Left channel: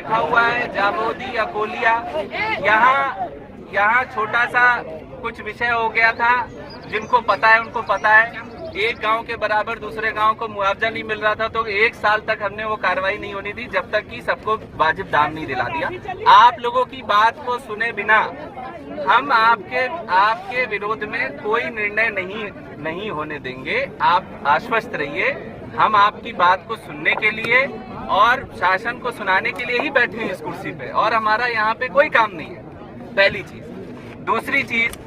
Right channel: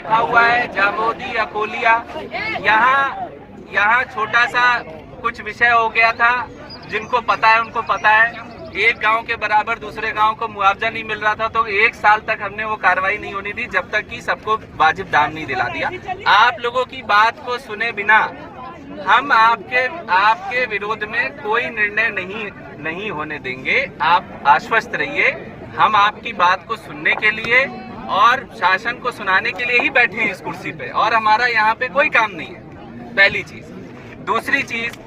लिखा हुआ है जामोदी अकोलिया। यहाँ छोटा सा कुछ विषय हो गया था, जिनको पता है उनको पता है। एक गांव के बराबर दूसरे गांव को मुआवजा नहीं मिल रहा था, तो 1 साल तक हमने वो कार्रवाई नहीं होनी दी जब तक कि सबको वाजिब दाम नहीं दिला दिया। आप लोगों की बात को सुने बिना हम आपके विरोध में कोई निर्णय नहीं होने देंगे। आप आश्वस्त रहिए, हम आपकी बात को सुनने के लिए और शासन को सुनाने के लिए ही बैठे हैं इस कुर्सी पे, और हमारा यहाँ पे कोई काम नहीं है। पहली चीज। दूसरी चीज,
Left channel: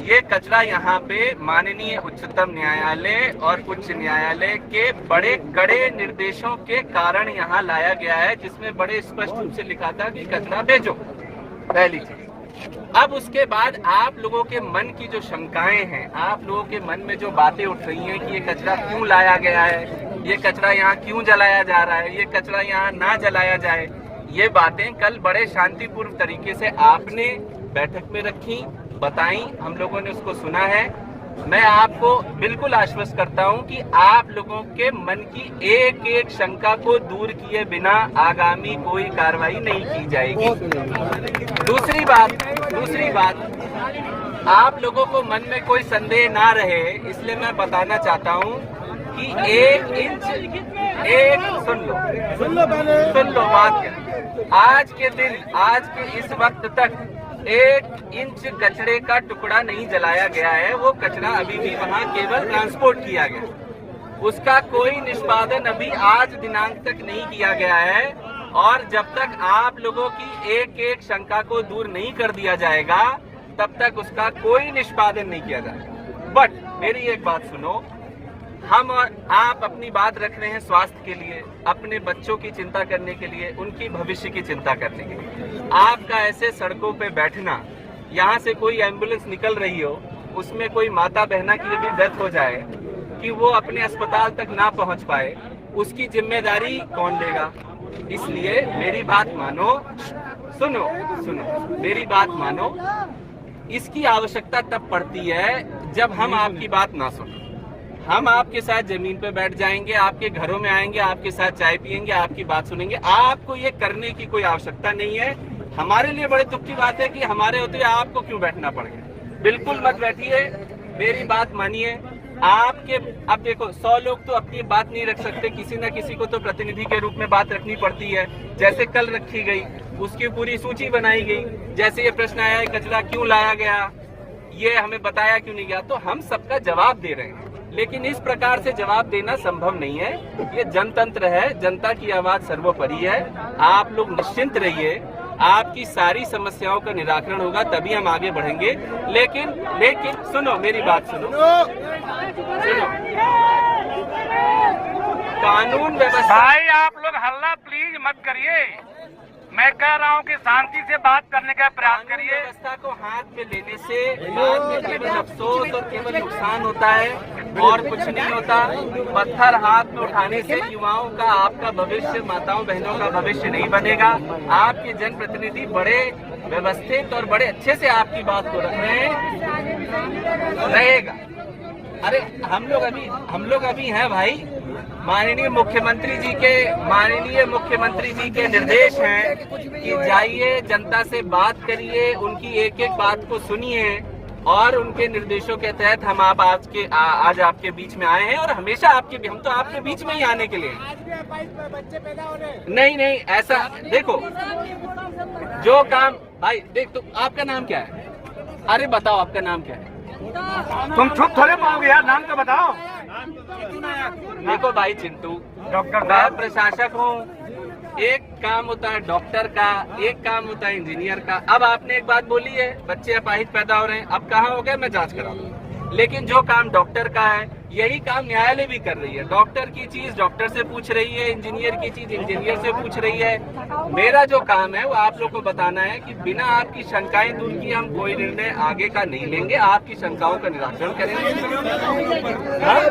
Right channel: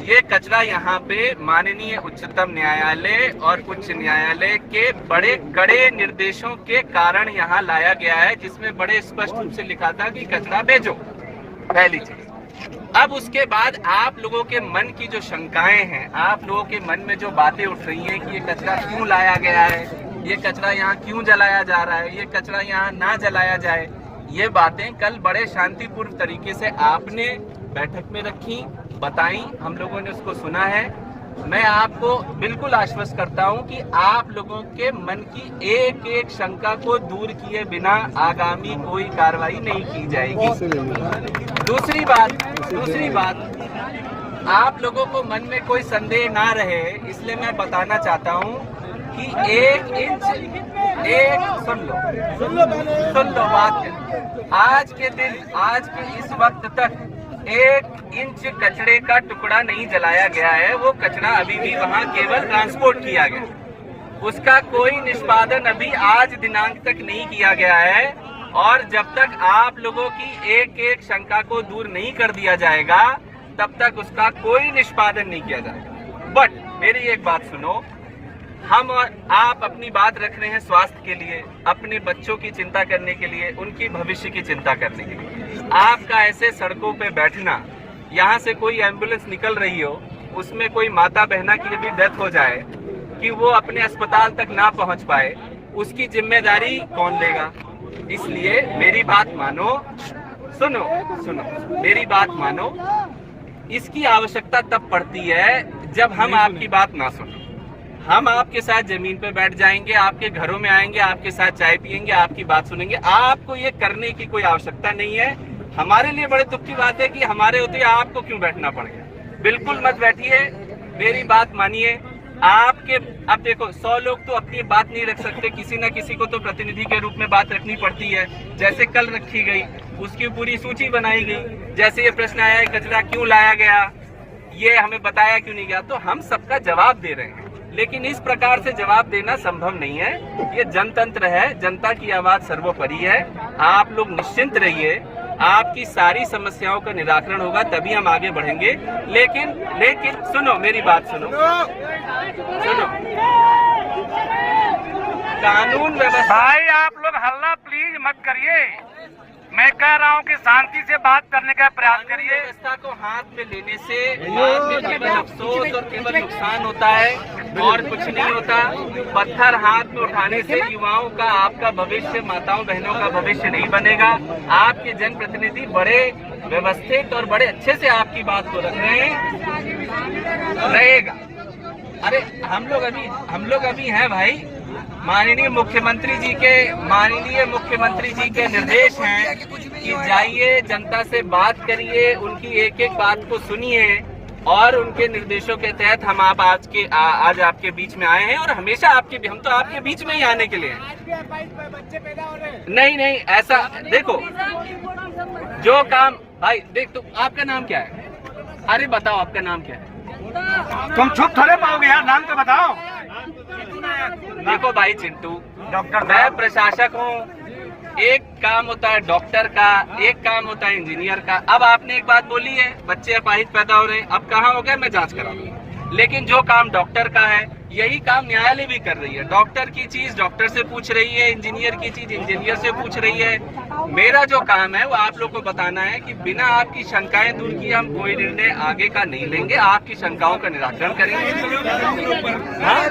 ये कचरा यहाँ पे माननीय उच्चतम न्यायालय और उच्च न्यायालय के बड़े कड़े निर्देशों के कारण यहाँ लाया गया है, जिसमें बड़े स्पष्ट रूप से लिखा था कि कचरा भेजो। पहली चीज। अब उसके बाद आप लोगों के मन की जो शंकाएं हैं, आप लोगों के मन में जो बातें उठ रही हैं कि ये कचरा क्यों लाया गया है, ये कचरा यहाँ क्यों जलाया जा रहा है, ये कचरा यहाँ ना जलाया जाए, ये बातें कल बड़े शांतिपूर्ण तरीके से आपने बैठक में रखी, बताई, हम लोगों ने उसको सुना है। मैं आपको बिल्कुल आश्वस्त करता हूं कि आप लोगों के मन की एक एक शंका को दूर किए बिना आगामी कोई कार्रवाई नहीं की जाएगी। दूसरी बात, आप लोगों को मन में कोई संदेह ना रहे, इसलिए मैं बताना चाहता हूं कि 1 इंच सुन लो बात। आज के इस वक्त तक 1 इंच कचरे का टुकड़ा नहीं जलाया गया है। वो कचरा अभी भी वहाँ केवल ट्रांसपोर्ट किया गया, उसका कोई निष्पादन अभी आज दिनांक तक नहीं किया गया है। और जब तक आप लोगों की एक एक शंका को दूर नहीं कर दिया जाएगा, तब तक उसका कोई निष्पादन नहीं किया जाएगा। बट मेरी एक बात सुनो, हम और आप अपनी बात रख रहे हैं स्वास्थ्य के लिए, अपने बच्चों की चिंता करने के लिए, उनकी भविष्य की चिंता करने के लिए। आपका ऐसे सड़कों पे बैठना, यहाँ से कोई एम्बुलेंस निकल रही हो, उसमें कोई माता बहना की यदि डेथ हो जाए कि वो अपने अस्पताल तक ना पहुँच पाए, उसकी जिम्मेदारी कौन लेगा? इसलिए मेरी बात मानो, सुनो मेरी बात मानो। इसकी आवश्यकता तब पड़ती है जब हम आपकी बात ना सुनो। हम आपके साथ जमीन पे बैठ जाएंगे, आपके घरों में आएंगे, आपके साथ चाय पियेंगे, आपकी बात सुनेंगे। आपको ये करने की कोई आवश्यकता नहीं है। हमारे लिए बड़े दुख की बात है कि हमारे होते आपको क्यों बैठना पड़ गया। बिल्कुल मत बैठिए, मेरी बात मानिए। अब देखो, 100 लोग तो अपनी बात नहीं रख सकते, किसी न किसी को तो प्रतिनिधि के रूप में बात रखनी पड़ती है। जैसे कल रखी गई, उसकी पूरी सूची बनाई गई। जैसे ये प्रश्न आया है कचरा क्यों लाया गया, ये हमें बताया क्यों नहीं गया, तो हम सबका जवाब दे रहे हैं। लेकिन इस प्रकार से जवाब देना संभव नहीं है। ये जनतंत्र है, जनता की आवाज सर्वोपरि है। आप लोग निश्चिंत रहिए, आपकी सारी समस्याओं का निराकरण होगा, तभी हम आगे बढ़ेंगे। लेकिन सुनो मेरी बात, सुनो। कानून व्यवस्था। भाई आप लोग हल्ला प्लीज मत करिए, मैं कह रहा हूँ कि शांति से बात करने का प्रयास करिए। व्यवस्था को हाथ में लेने से बाद में केवल अफसोस और केवल नुकसान होता है, और कुछ नहीं होता। पत्थर हाथ में उठाने से युवाओं का, आपका भविष्य, माताओं बहनों का भविष्य नहीं बनेगा। आपके जनप्रतिनिधि बड़े व्यवस्थित और बड़े अच्छे से आपकी बात को रख रहे हैं, रहेगा। अरे हम लोग अभी हैं भाई। माननीय मुख्यमंत्री जी के निर्देश हैं कि जाइए, जनता से बात करिए, उनकी एक एक बात को सुनिए, और उनके निर्देशों के तहत हम आज आपके बीच में आए हैं। और हमेशा हम तो आपके बीच में ही आने के लिए हैं। नहीं ऐसा देखो, जो काम भाई देख, तो आपका नाम क्या है? अरे बताओ आपका नाम क्या है? तुम चुप थोड़े पाओगे यार, नाम तो बताओ। देखो भाई चिंटू, मैं प्रशासक हूँ। एक काम होता है डॉक्टर का, एक काम होता है इंजीनियर का। अब आपने एक बात बोली है, बच्चे अपाहिज पैदा हो रहे हैं, अब कहाँ हो गए मैं जांच कराऊंगा। लेकिन जो काम डॉक्टर का है, यही काम न्यायालय भी कर रही है। डॉक्टर की चीज डॉक्टर से पूछ रही है, इंजीनियर की चीज इंजीनियर से पूछ रही है। मेरा जो काम है वो आप लोग को बताना है कि बिना आपकी शंकाएं दूर किए हम कोई निर्णय आगे का नहीं लेंगे, आपकी शंकाओं का निराकरण करेंगे। हाँ?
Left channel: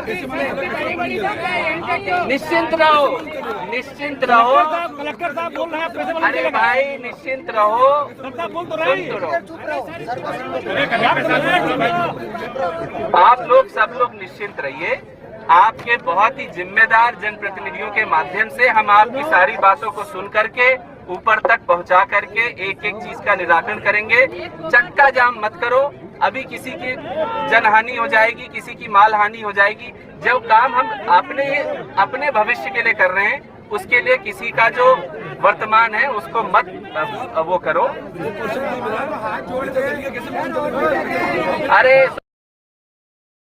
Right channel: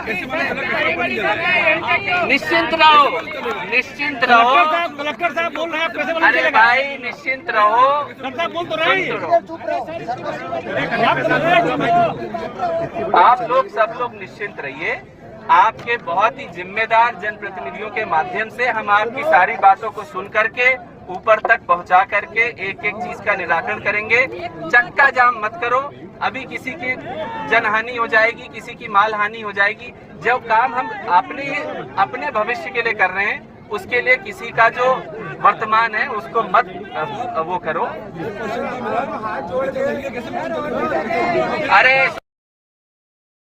निश्चिंत रहो। कलेक्टर साहब बोल रहे हैं। अरे भाई निश्चिंत रहो, आप लोग सब लोग निश्चिंत रहिए। आपके बहुत ही जिम्मेदार जनप्रतिनिधियों के माध्यम से हम आपकी सारी बातों को सुन करके ऊपर तक पहुंचा करके एक एक चीज का निराकरण करेंगे। चक्का जाम मत करो, अभी किसी की जनहानि हो जाएगी, किसी की माल हानि हो जाएगी। जो काम हम अपने भविष्य के लिए कर रहे हैं, उसके लिए किसी का जो वर्तमान है उसको मत वो करो। अरे